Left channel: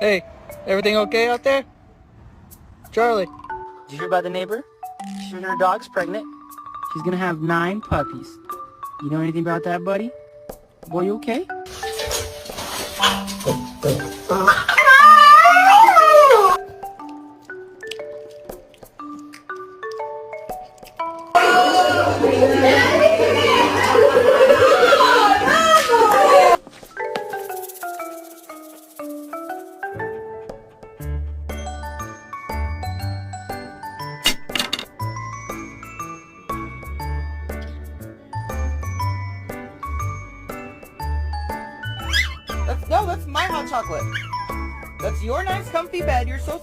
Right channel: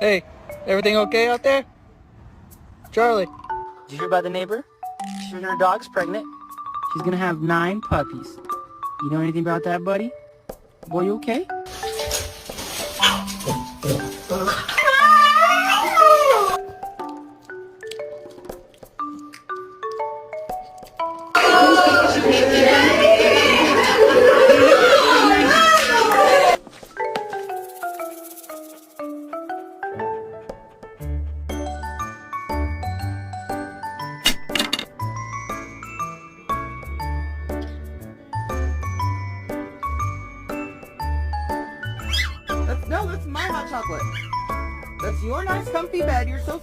Hey, everything okay out there? Charlie. Did you hear about the neighbor? She heard her dog's pregnant. She's gonna have 9 puppies. You know anything about that, buddy? Boy, you okay? No, that's my hot chocolate. That's your nice comfy bed. You're so